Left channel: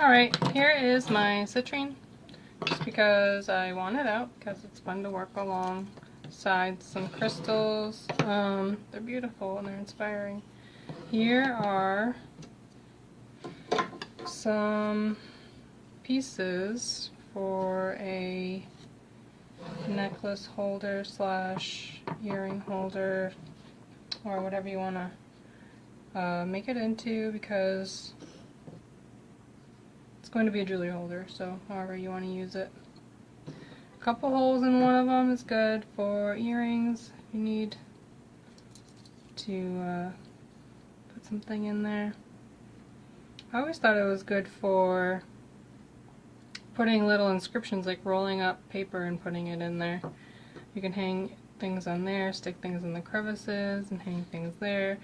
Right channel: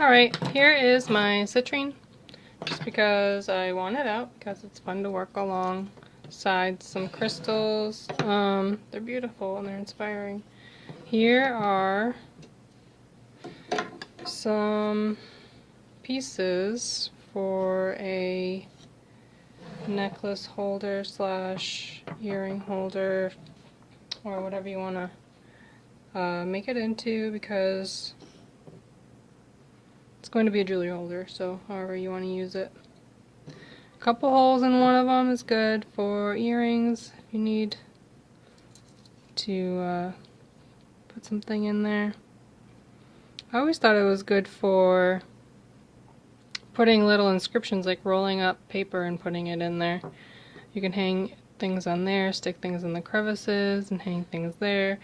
Alright, here is my citrine, just because I want it out, because it's fun to work alongside some crystals. They're beautiful and they're inspiring. Here are some pieces for a necklace holder slash earring holder, or whatever you want to make it into, because it's going to be a jewelry holder, so however you want to use it. A couple holes in one of them is good for earrings if you need to put something in there. I always thought it was good for putting little inscriptions, like rolling up paper and putting it in there. You can hang things on there, stick things in the crevices, and hang things there.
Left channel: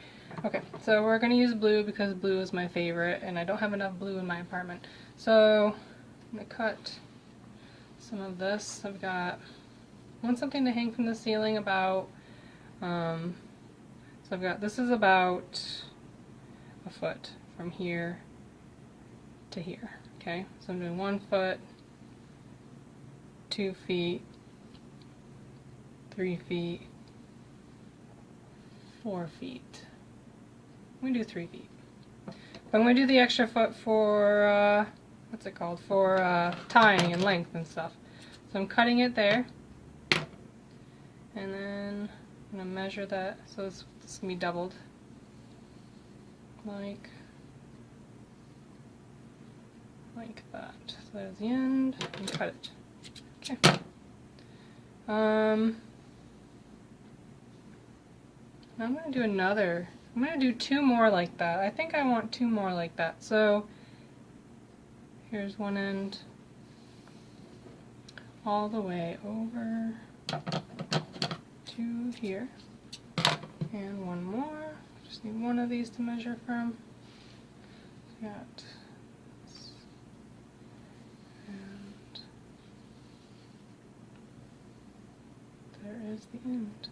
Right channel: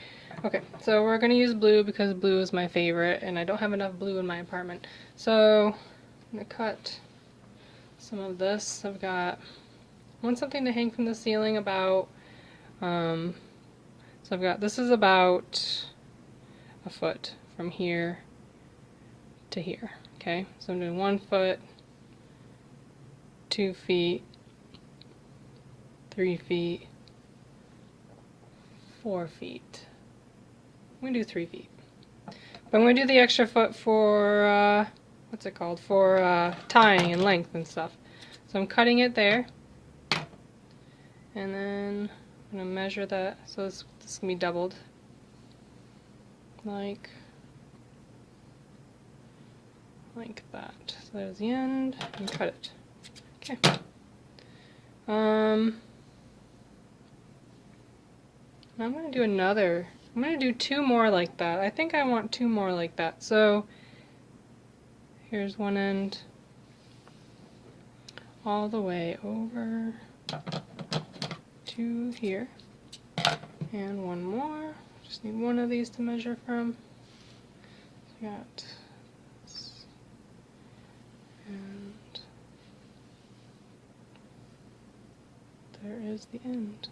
Okay, so we're going to use blue because blue is my favorite, and I don't have enough blue in my apartment. So I'm going to cut some of this. I want something to hang from the ceiling about, so I've got, this is about a foot from here to here. Okay, so I'm doing 1 foot, 2 feet, 3 feet, 4 feet. I'm gonna do 3 feet. But I'm gonna do the extra foot for, what's it called? For tying and length and stuff. So I'm cutting it there. And then I'm gonna measure that. So this is gonna be doubled. Like that. So there's the end, and cut it. Okay. Now I'm gonna do another. I'm gonna do 2 more like that. I think I want 2 more like that. So here's one end all the way over to here, and 1 more. Just need 1 of these to measure from. So we got this, and there is the end.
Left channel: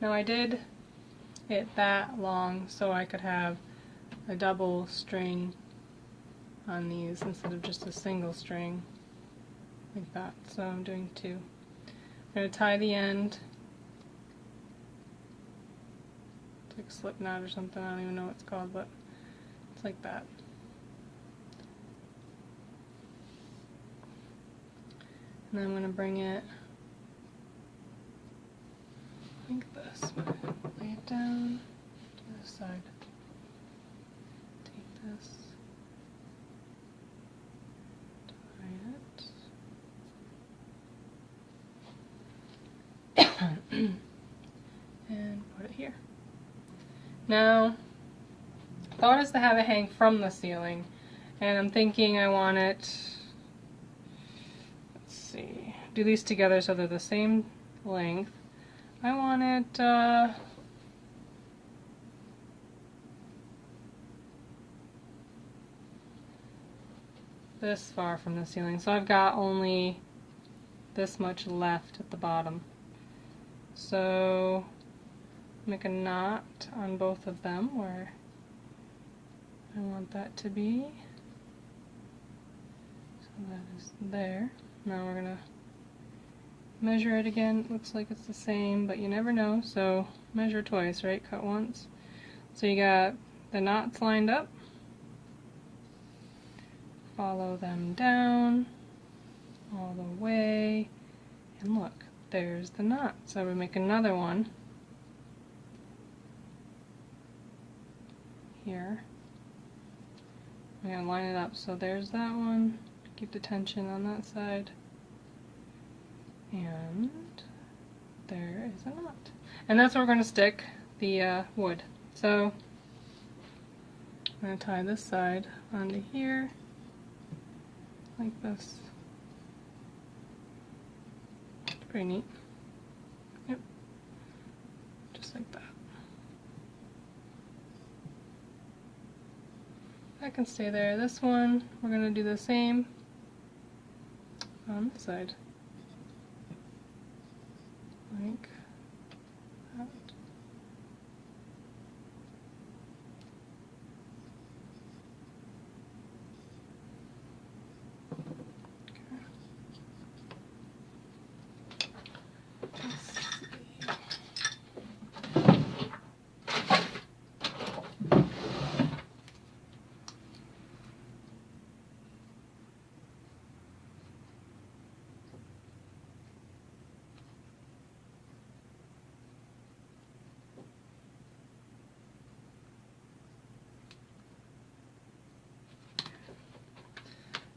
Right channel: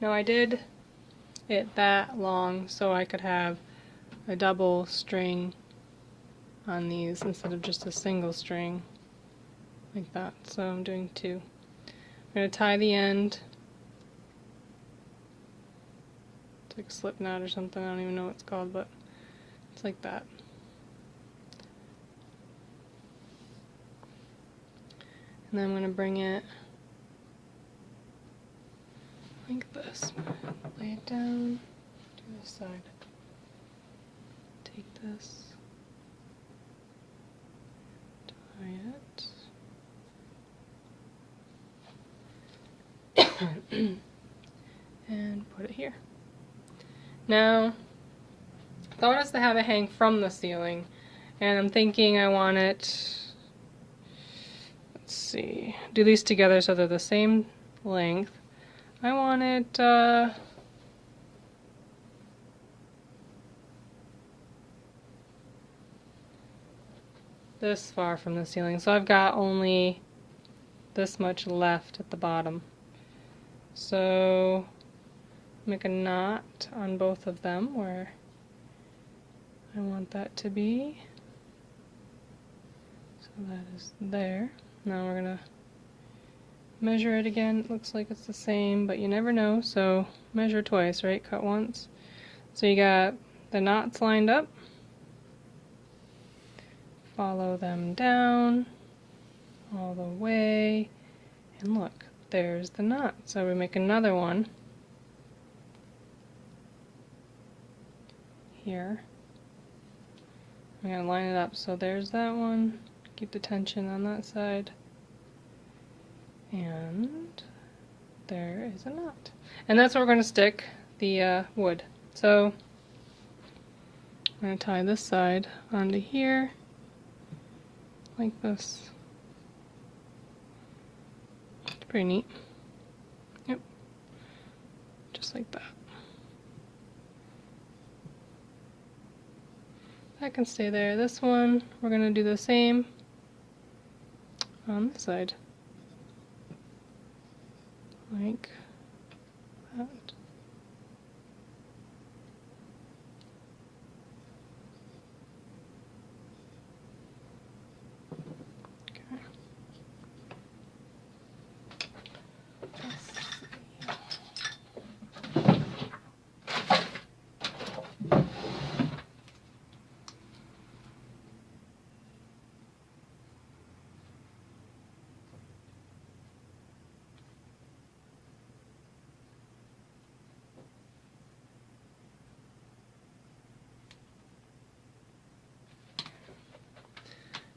Now I did it that long so I could have a double string on these instead of just a single string like that. So I'm doing 2. I'm going to tie the end. It's like a slip knot or something, I don't even know what it's called, but it's like that. And then I'm going to bring it like this. Lay it down to this side. Take this, tie it, and put it here. Now, thought is to have it hang from the ceiling, and I'm thinking I want it, let's see, do these together so they're the same length. I want it this far from the ceiling, so I've got only this much left at the bottom. So make a knot on both of them where I want that to be. So that is there. Now we're gonna measure it again. It looks like it's the same, but you never know, so measure twice, right? Cut once. So you got the knots lined up. Follow them down all the way, and look, there's the knot. So we make another one here. I'm going to line it up, so there's that one. Keep the tension on that side. And there is a knot. And that's where we're going to stick the wood. So I'm going to tie this side onto here, like this. It's pretty neat. Yep. Just like that. That can stay there. This one, we're going to do the same on this side. like that.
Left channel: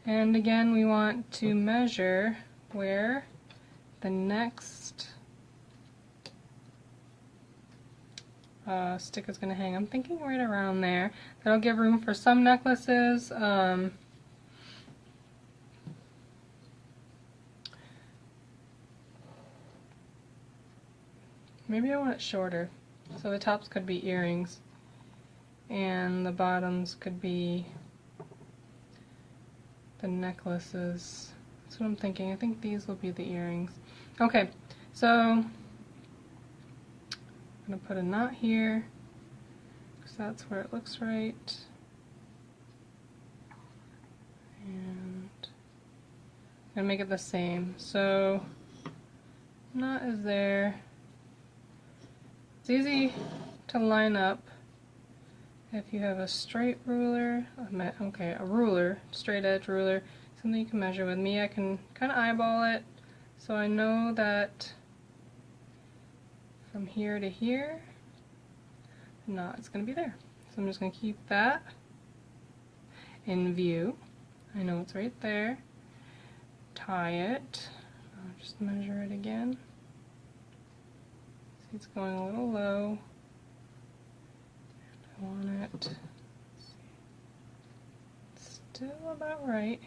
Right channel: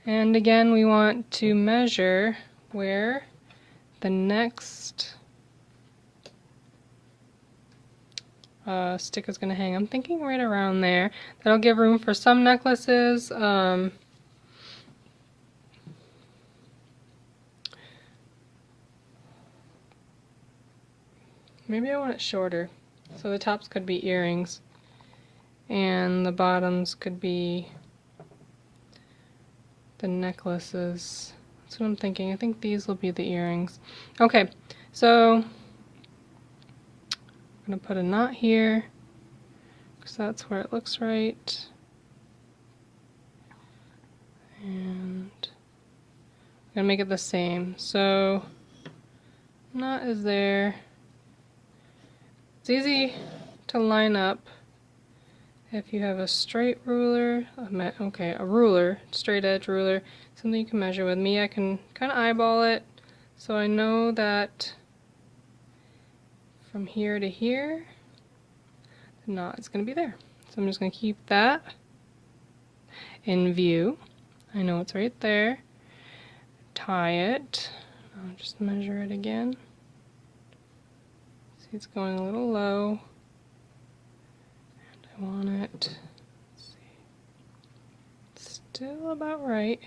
And again, we want to measure where the next stick is going to hang. I'm thinking right around there. That'll give room for some necklaces. Maybe I want it shorter. So the tops could be earrings and the bottoms could be the necklaces. That's what I'm thinking. I think these will be the earrings. Okay, so I'm going to put a knot here because that's where it looks right. And I'm going to make it the same. So knot is there. It's easy to line up if you have a straight ruler, a ruler, straight edge ruler, something you can measure with. Me, I can kind of eyeball it, so I know that from here to here, the knot is going to be there. So I'm just going to keep that in view. I know it's right there. Tie it. I'll just measure it again. See, it's going a little low. I want it, let's see, still about right,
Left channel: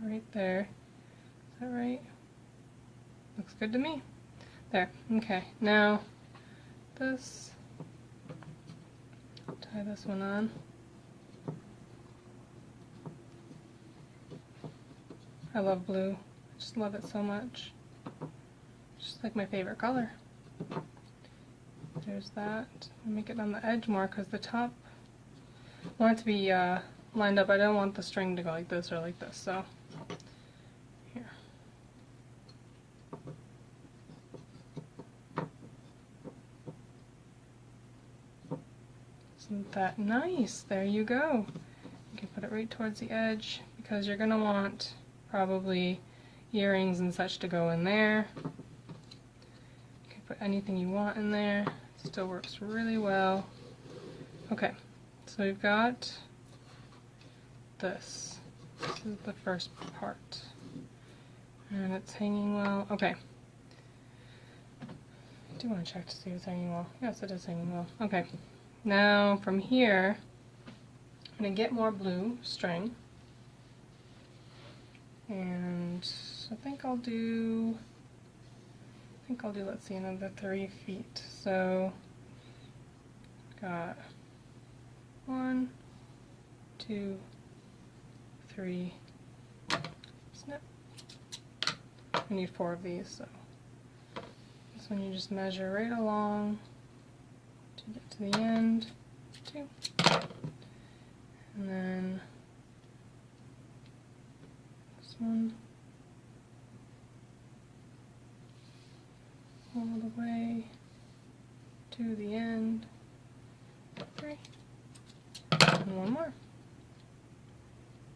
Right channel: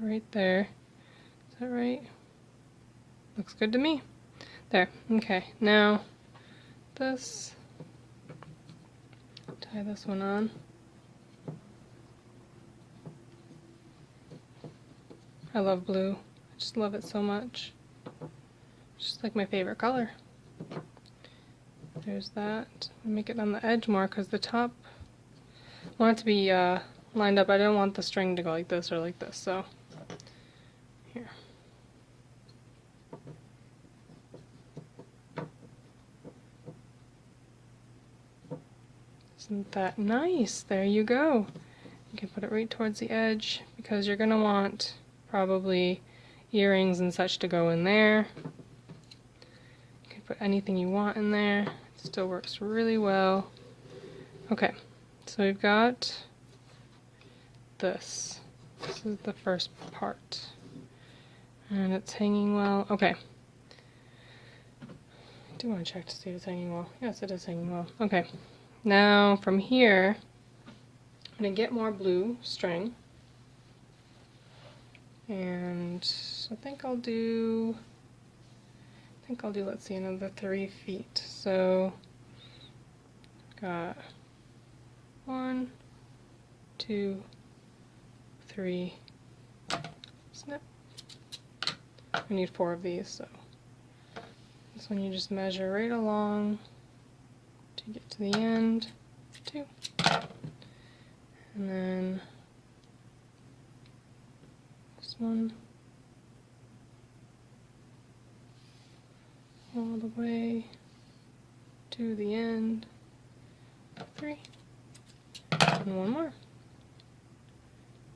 right there. Is that right? Looks good to me. There, okay, now this, tie this one on. I love blue, I just love it so much. It's just like my favorite color. There's that. Make it on the edge more because the top, I want it to be lined up. I don't want the string to go like this or like this, so here. Isn't that nice? There you go. You can put it right towards the edge because you're going to want probably earrings and such to go in there. You can put anything you want in there. Still works really well. Okay, so we've got this. This is the first part. And it's hanging well. Okay. I do want to check to see if it's hanging well. Yes, it is hanging well. Okay. Now from here, I'm going to get more blue string. And I think I'll do, let's see, another 3 feet. So, got 1, 2, 3, snip. I need 4 of these, so this one you just measure right along to get to the end, 2. And then this one all the way to the end, 3, and 1 more,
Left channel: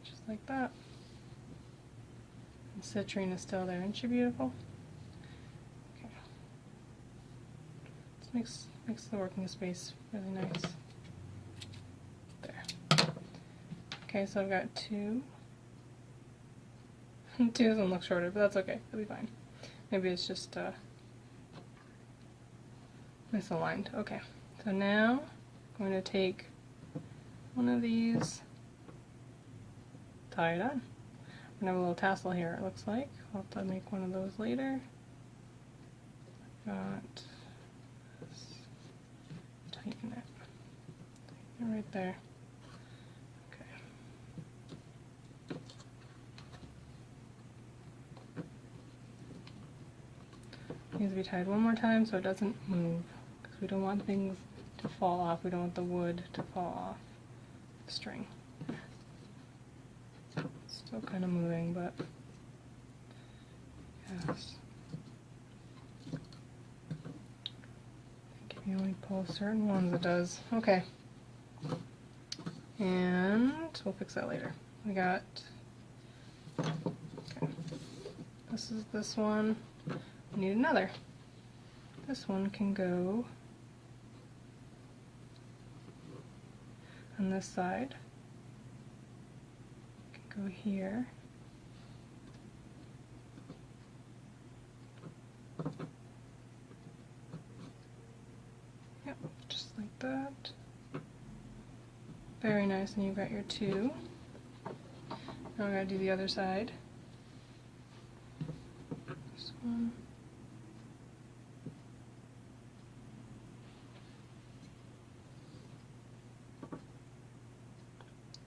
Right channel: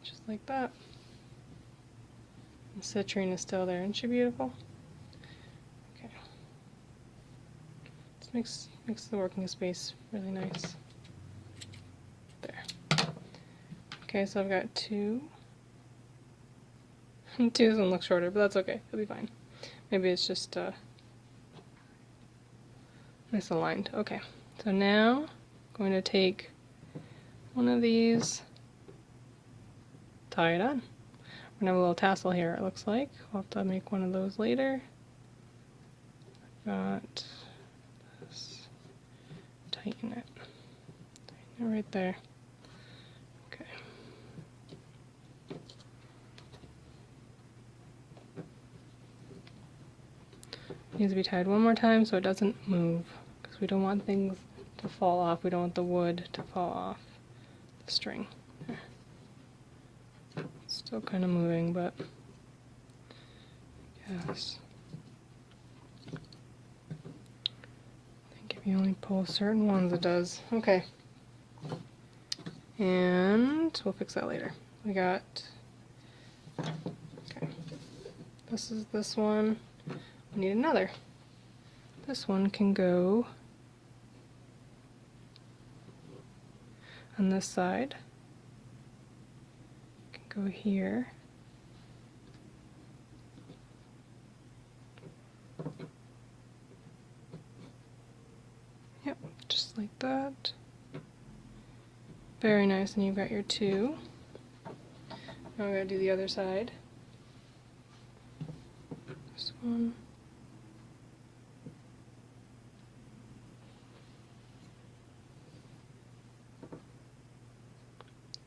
just like that. The citrine is still there, isn't she beautiful? Okay, this makes the working space really nice. There. Okay, so I've got 2. 2 doesn't look shorter, but that's okay, it'll be fine. Maybe it's just misaligned. Okay, so now I'm going to take one of these, tie it on. I'm gonna have a little tassel here, it looks like. I'll have to make one of those later. Got this. Tighten it. Tighten it right there. Okay. Needs to be tied one more time so it doesn't move, because we don't want things to fall off. We don't want the wood to fall off the string. It's still kind of moving, but yes. I think if you only pull certain ones, it does. Okay. And we'll fix that later. We got, okay, this is this one. We need another. This one can go on this side. It can go here. Yep, just like that. Very nice, and you've got your two. Now we gotta do the other side. This one.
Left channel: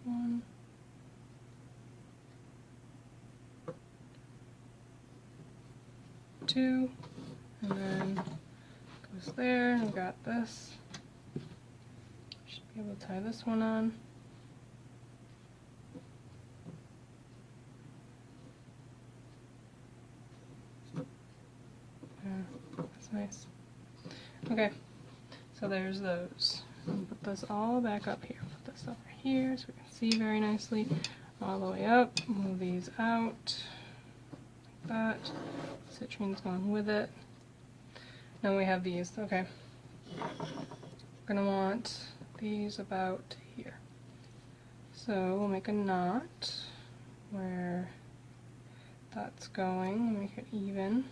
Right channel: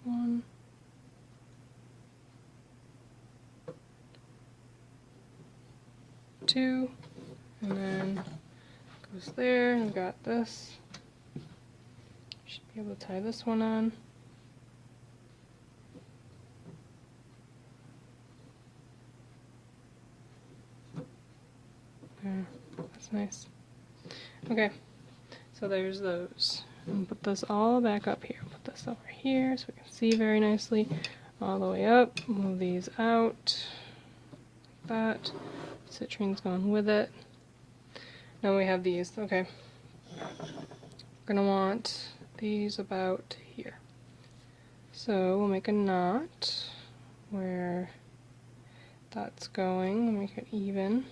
One. Two. And then goes there, and we've got this. Should be able to tie this one on. Okay, that's nice. Okay, so there's those. And put this all back up here. Put this over here so we can see very nicely. All the way up. Move these out. Like that. Citrine's going with it. Now we have these. Okay. We're gonna want these about here. So we'll make a knot where that's going. We'll make it even.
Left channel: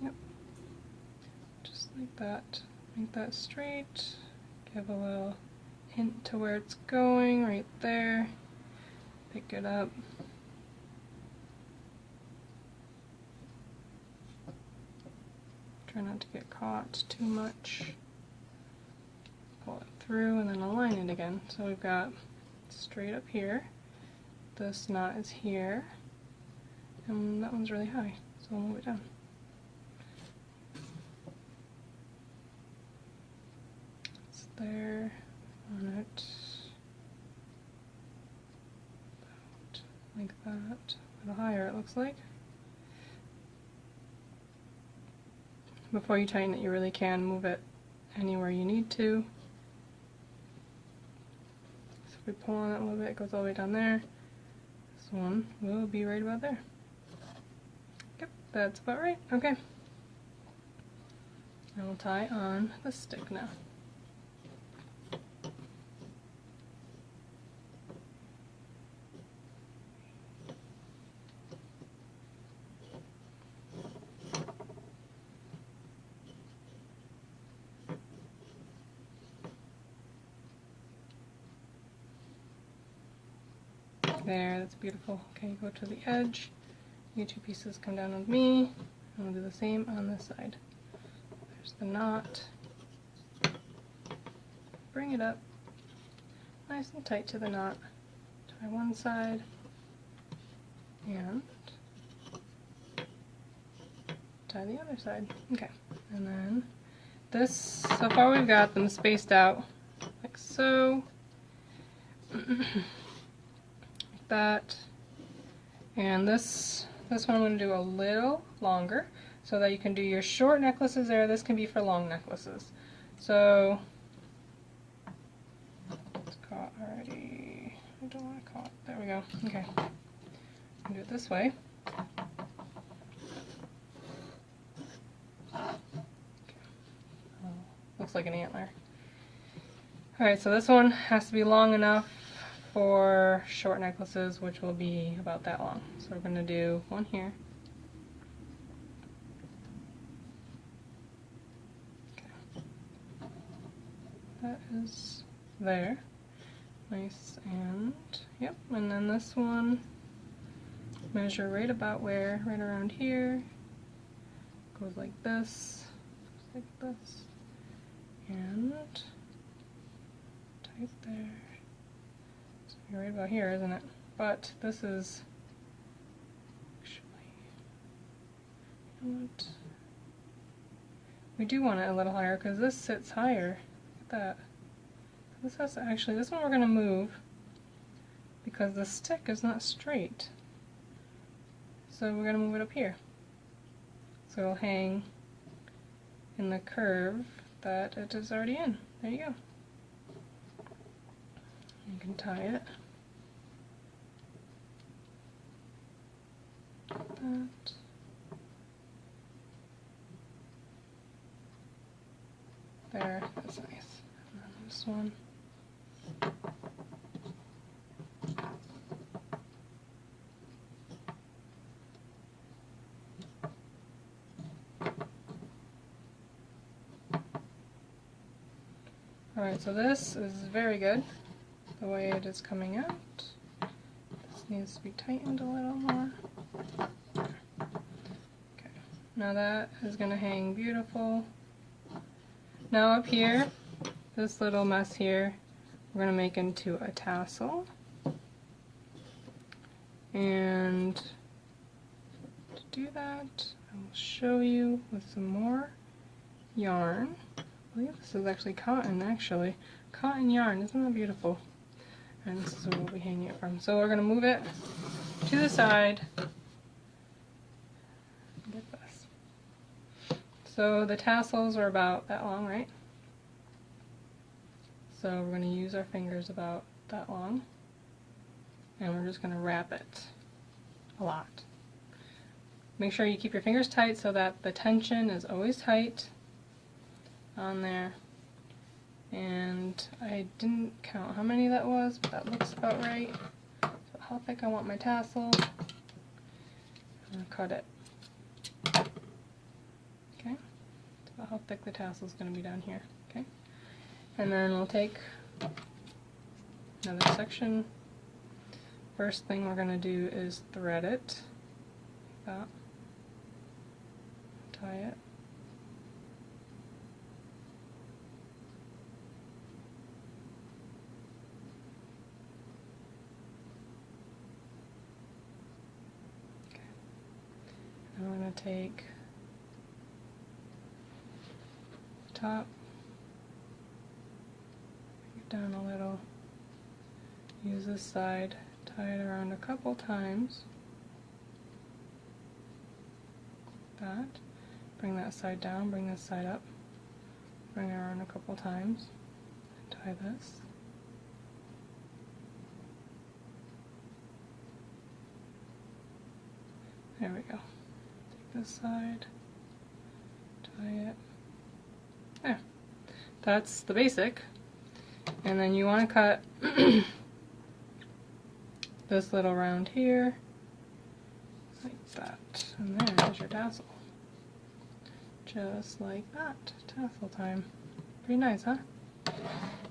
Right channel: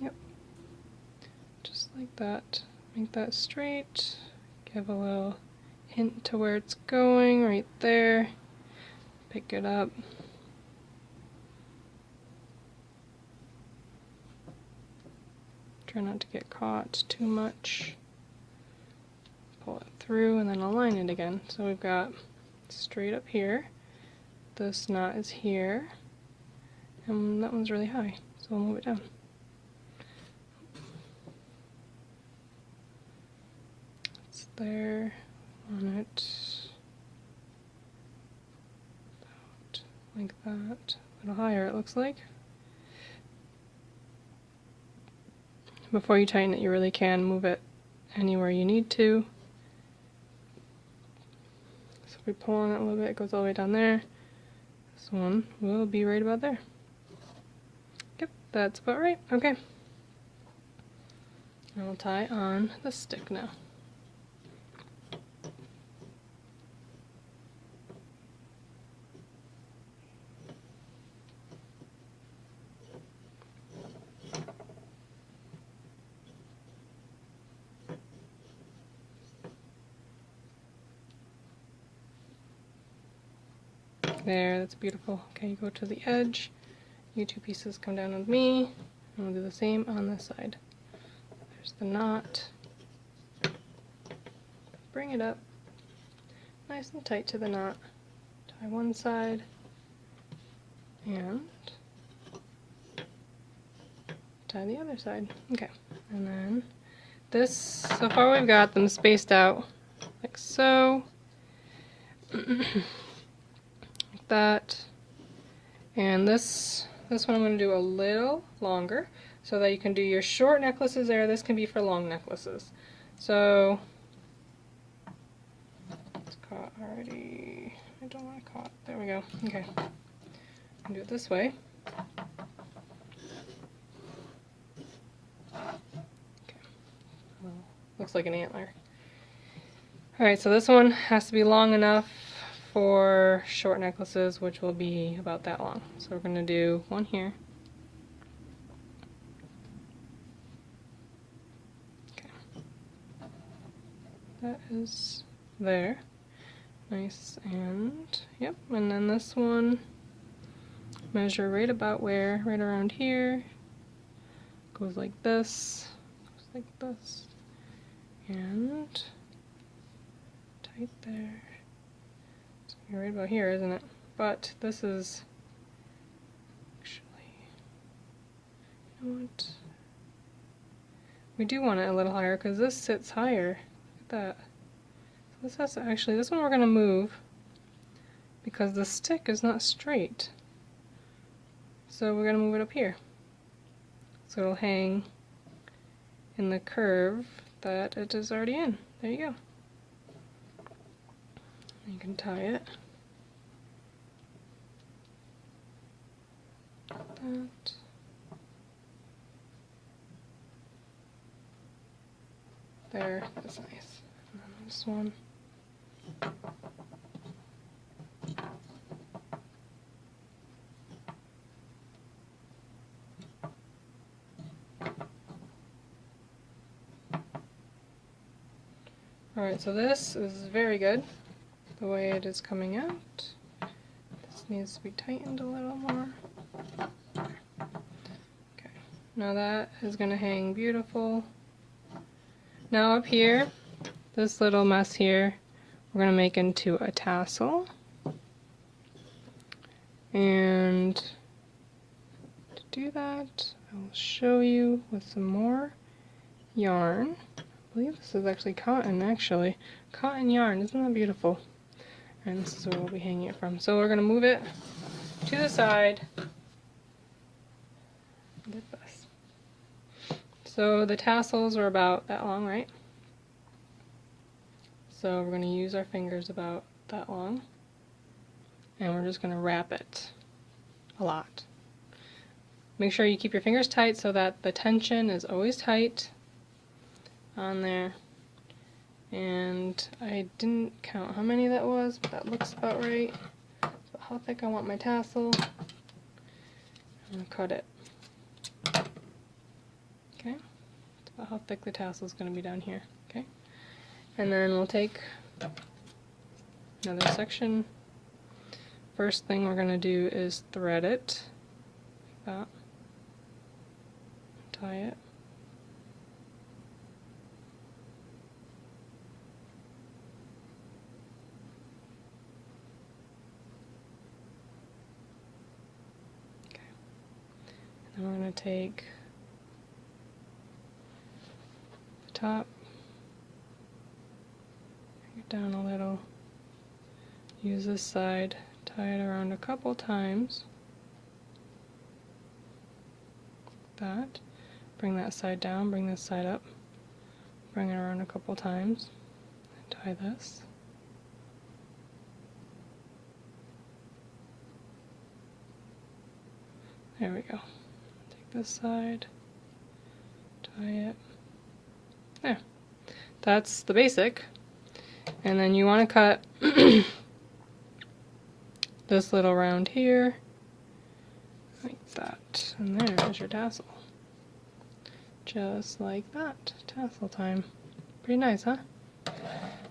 Yep. Just like that. Make that straight. Give a little hint to where it's going right there. Pick it up. Try not to get caught too much. Pull it through and then align it again. So we've got straight up here. This knot is here. And that one's really high, so we'll move it down. It's there on it. About like that. A little higher, it looks like. Before you tighten it, you really can move it anywhere you need to. So if we pull on it a little bit, it goes all the way down there. This one will be right about there. Yep, that's about right. Okay. And we'll tie on the stick now. There, that's beautiful. Okay, you go to the edge. You two pieces come down with me. And we'll do the same on this side. There's the knot. Bring it up. Nice and tight to the knot. Tie one side. And tie the other side. Okay, and then this, so far we've got them spaced out like so. That, and this one I'm going to do a little longer so that you can do your short necklaces there. This can be for long necklaces. So it's caught already. I don't want it caught. There we go. Okay, I'll do it this way. Okay. Well, looks like an antler. All right, so this one has to be long enough for short necklaces, which will be about that long. So we're going to do one here. Okay. That is there. Nice, and yep, and then this one, measure right about where, right around here. Goes like this, and tight there. right about here, isn't it? But this is actually, you know what? We do want it a little higher because this sits higher. Look at that. This has to actually, this one we're going to move because the stick is not straight. So we're going to move it up here. So it'll hang in the curve that it is already in. There you go. You can tie it. That. There, that's nice. And then this one. Alright, so this is very good, the way it is coming out. This needs to be tightened a little more. Okay, now that is going to hang beautiful. Now up here, this little mess here, we're going to make into a tassel. And to do that, I'll show you with some more yarn. I believe this is actually cotton, actually. Cotton yarn, isn't that beautiful? And this is where we'll be hanging it from. So we're going to move it to the side, like this. So the tassels are about that long, right? So we're going to use our fingers about that long. And we're just going to wrap it a lot. Make sure you keep your fingers tight so that the tension is always tight on there. And I didn't count how many that was, but that looks about right. So how thick I want my tassel. I'm going to cut it. Okay, so how thick the tassel is going to be down here. Okay, and then we'll take another section. First thing we're going to do is thread it like that. Tie it. Okay. And then we're going to take the top, bring it down a little, use this side, tie it around a couple times, like that. Bring that side down, bring this side up, bring it around a couple times, and tie this. There we go. Take this side, tie it. There. That's the basic. And then you want to cut this little round here, like that. And there's your tassel. Just like that. Tassel time. Pretty nice, huh?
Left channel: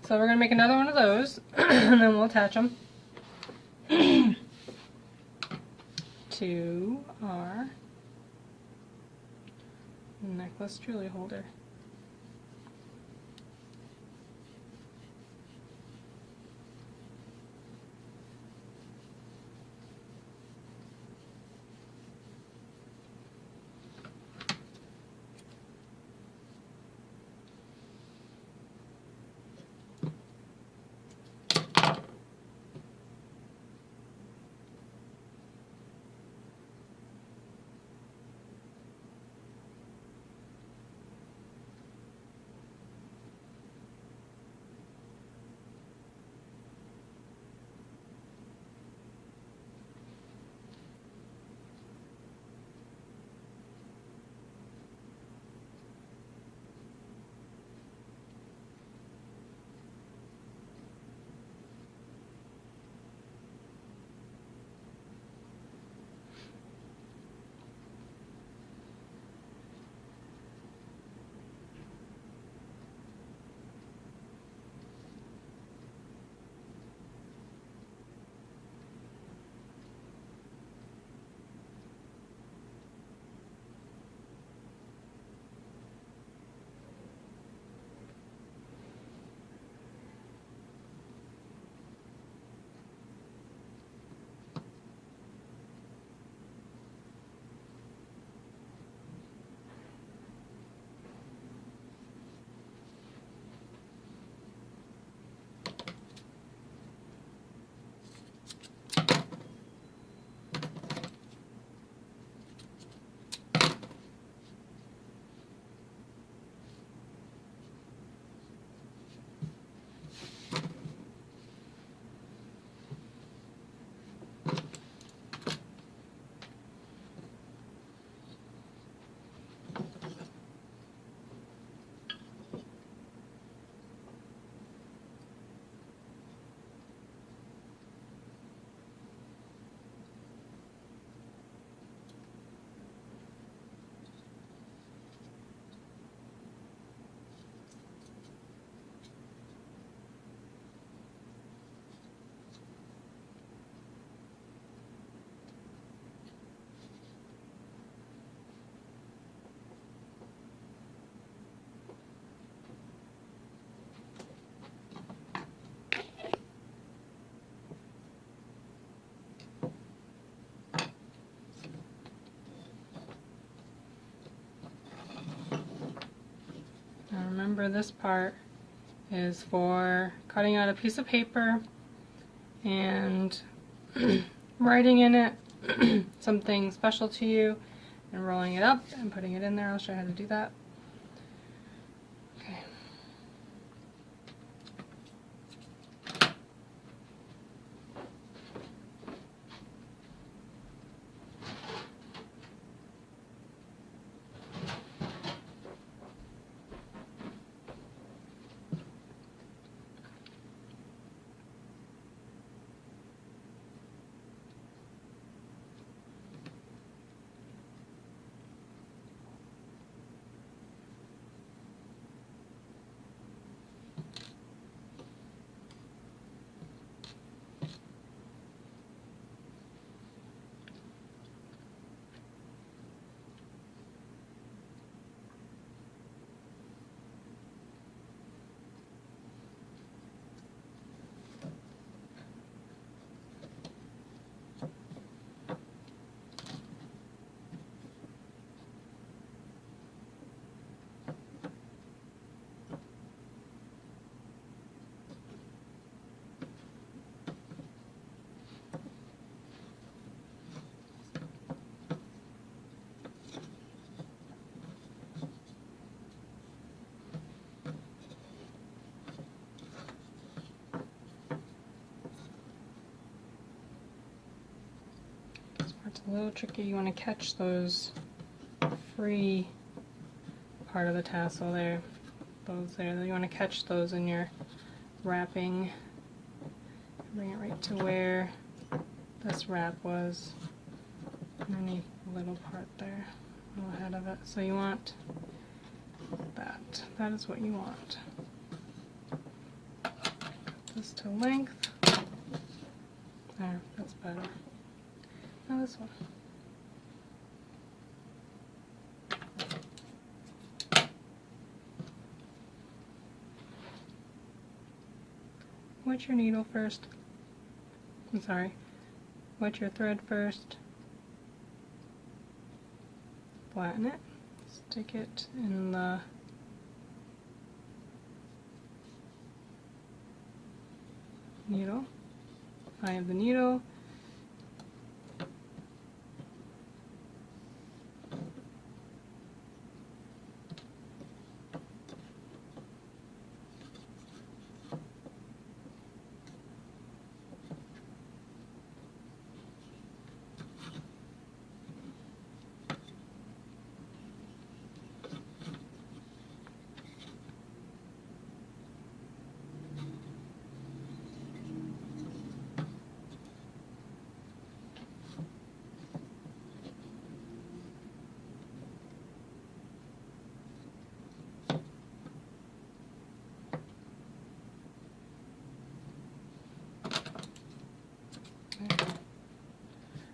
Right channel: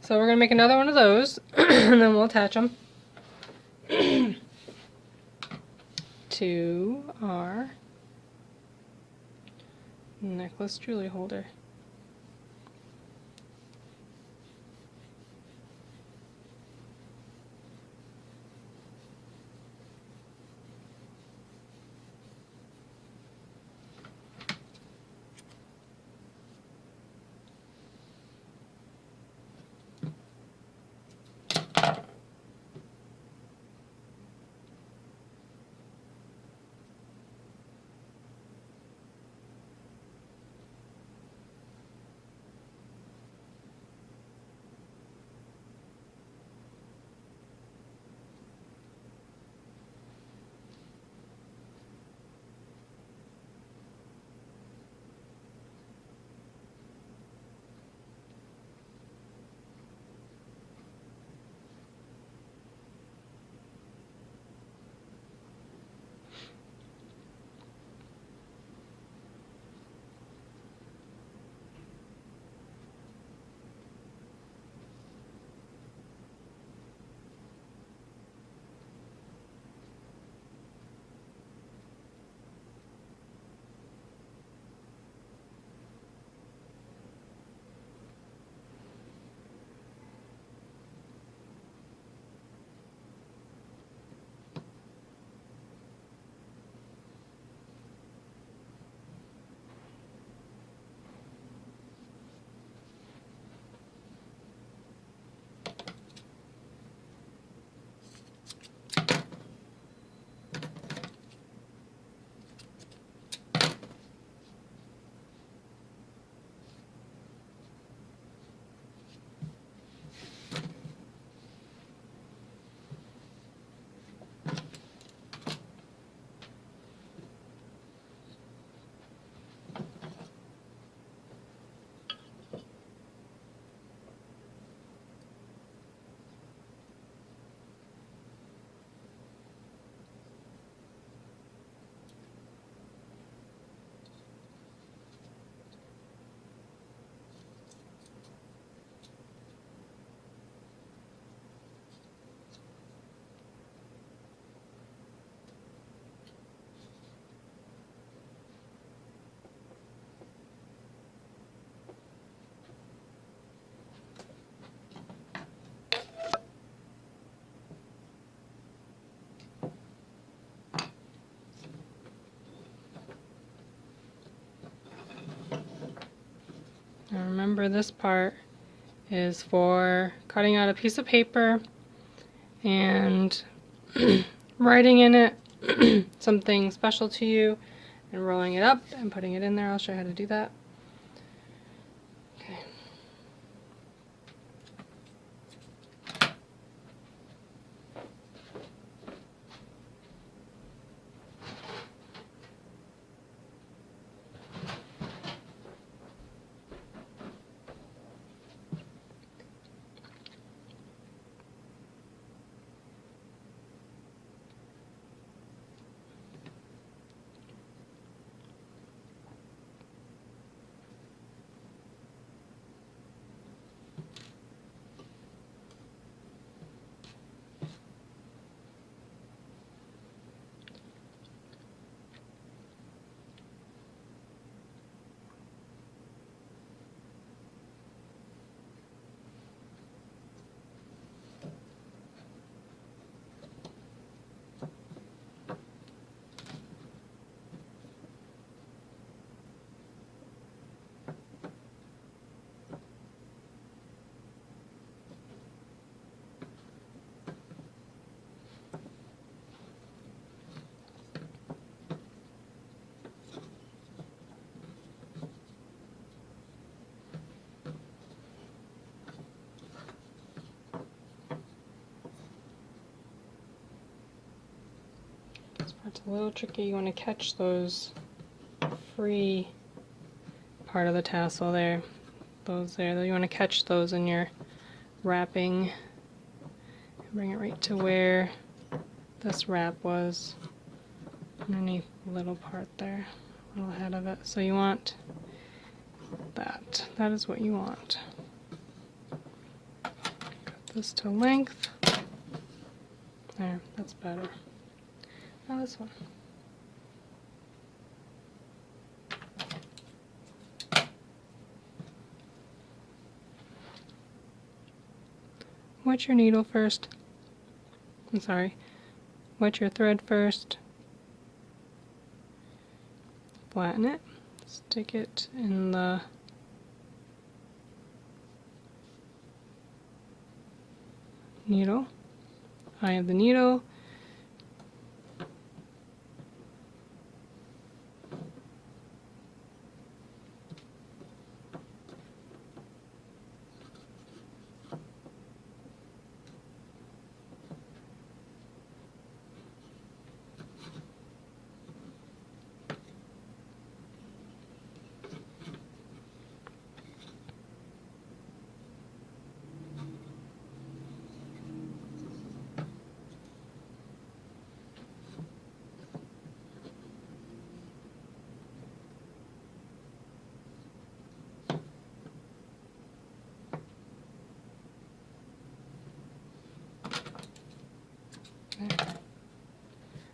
So we're going to make another one of those, and then we'll attach them to our necklace jewelry holder. remember this part is for cutting out a piece of paper and writing in it something special to you and rolling it up and putting it in there. I'll show you how to do that. Okay. This part's a little tricky. You want to catch those free part of the tassel there. Those there. You want to catch those in your wrapping. Bring it right to where this wrap was. Underneath the little part there. A little head of it. So you want that. That is what you want. Cut this to length. There, that's better. Now this one. Wet your needle first. I'm sorry. Wet your thread first. Flatten it. Stick it in the needle. Eye of the needle.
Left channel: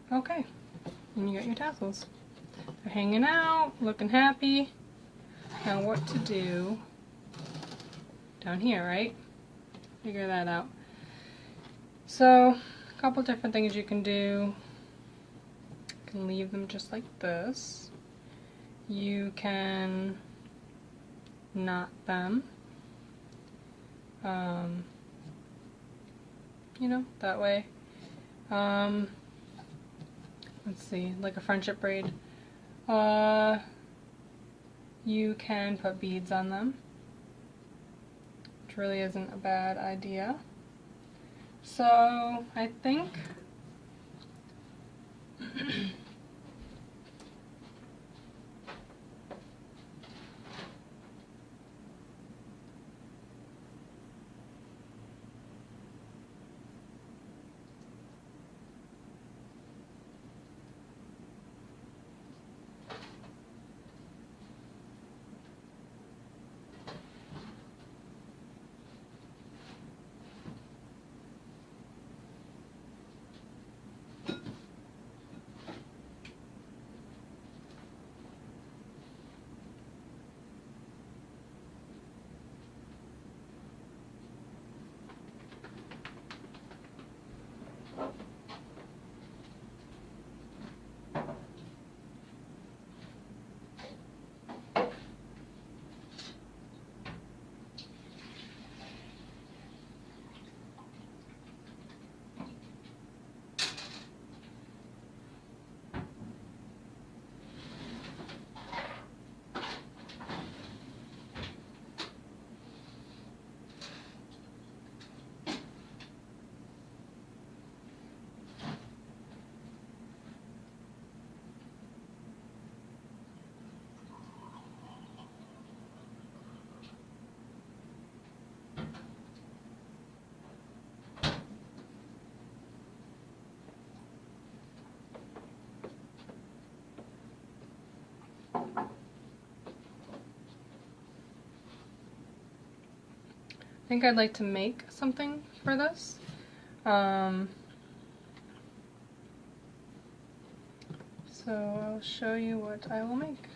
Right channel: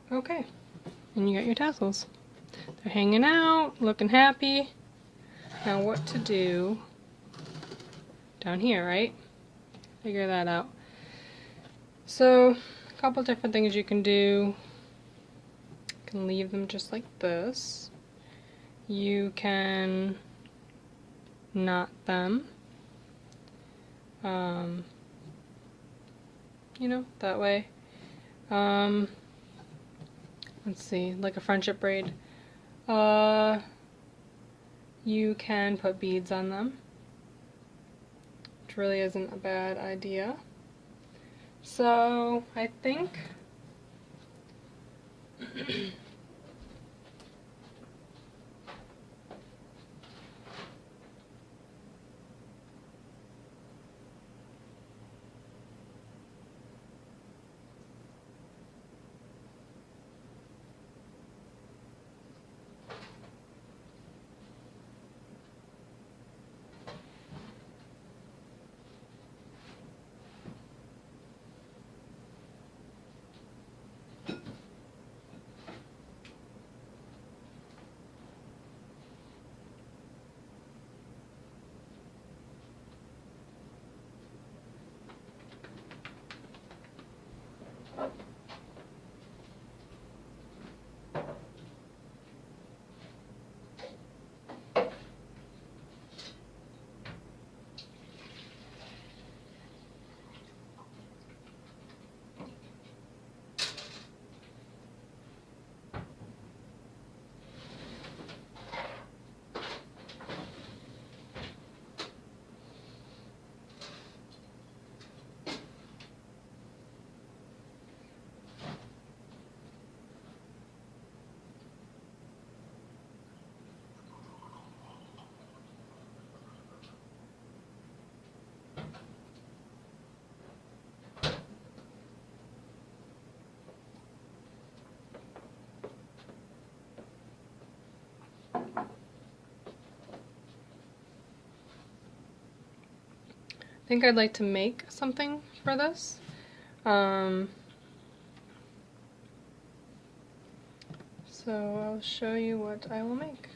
Okay, and you got your tassels. They're hanging out, looking happy. Now what to do down here, right? Figure that out. So, a couple different things you can do. You can leave them just like this. You can knot them. You know, that way. Let's see, like a friendship braid. You can put beads on them, which really isn't a bad idea. So I think think I'd like to make something for this. So I'll show you what I will make.